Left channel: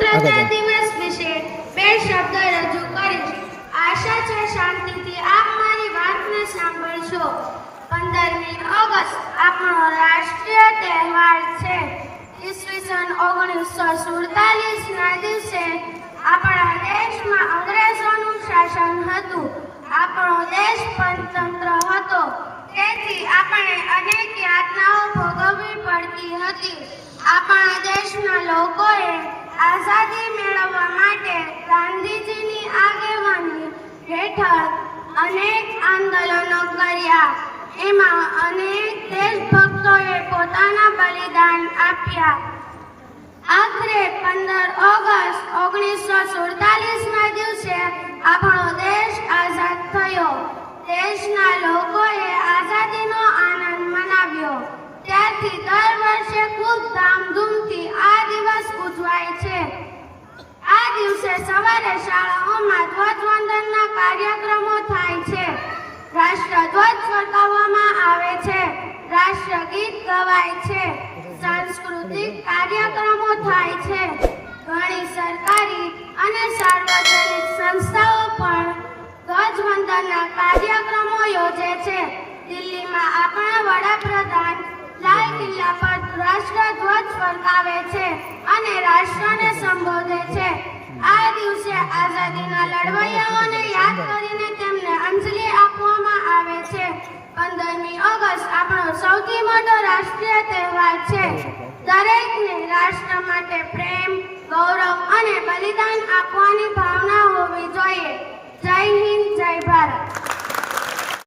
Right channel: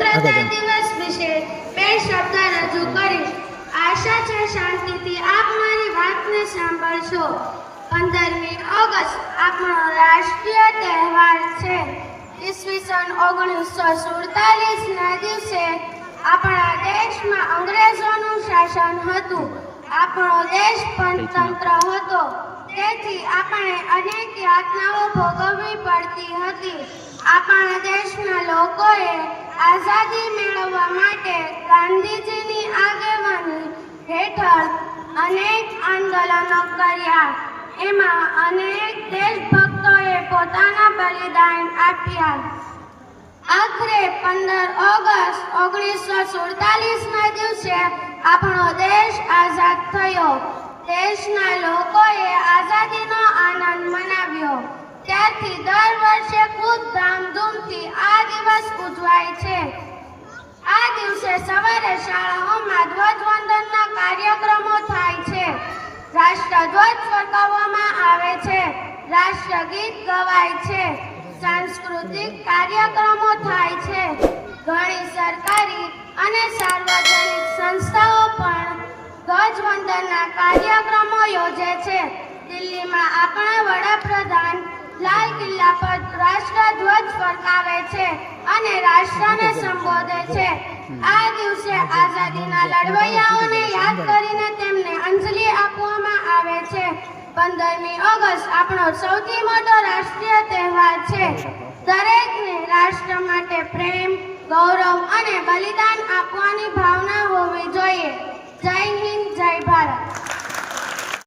સ્વતંત્રતા દિવસ વિશે બે શબ્દ રજૂ કરીશ. આશા છે શાંતિથી આપ મારી વાતને સાંભળશો. પંદરમી ઓગસ્ટ આપણો રાષ્ટ્રીય તહેવાર છે. ઈસવીસન ઓગણીસો સુડતાલીસ ના દિવસે આપણા દેશમાં અંગ્રેજોનું શાસન હતું. આપણો દેશ પંચતંત્ર હતો. તેથી આપણે અનેક યાતનાઓ ભોગવવી પડતી હતી આપણા દેશના લોકોએ આઝાદી મેળવવા માટે ગાંધીજીની આગેવાની હેઠળ અનેક આંદોલનો કર્યા. એમાં અનેક દેશભક્તોએ પોતાના બલિદાન આપ્યા. આખરે પંદર ઓગસ્ટ ઓગણીસો સુડતાલીસના દિવસે આપણો દેશ આઝાદ થયો. દેશના લોકોએ આઝાદીનો આનંદ મનાવ્યો. ત્યારથી દર દિવસે સવારે શાળાઓમાં ધ્વજવંદનના કાર્યક્રમો થાય છે. રાષ્ટ્રધ્વજ ફરકાવવામાં આવે છે. રાષ્ટ્રગીત ગવાય છે. સાંસ્કૃતિક કાર્યક્રમો થાય છે. ઘણી સરકારી અને સાર્વજનિક સંસ્થાઓ પણ ધ્વજવંદનના કાર્યક્રમો યોજે છે. દિલ્હીમાં આપણા વડાપ્રધાન લાલ કિલ્લા પર રાષ્ટ્રધ્વજ ફરકાવે સંબોધે છે. આ દિવસે આઝાદીના લડવૈયાઓને યાદ કરીને તેમને અંજલિ આપવામાં આવે છે. પંદરમી ઓગસ્ટ આપણો સૌથી મોટો રાષ્ટ્રીય તહેવાર છે. દરેકને રાષ્ટ્ર માટે પ્રેમ, ગૌરવ અને બલિદાન આપવાની ભાવના હોવી જોઈએ. જય હિન્દ.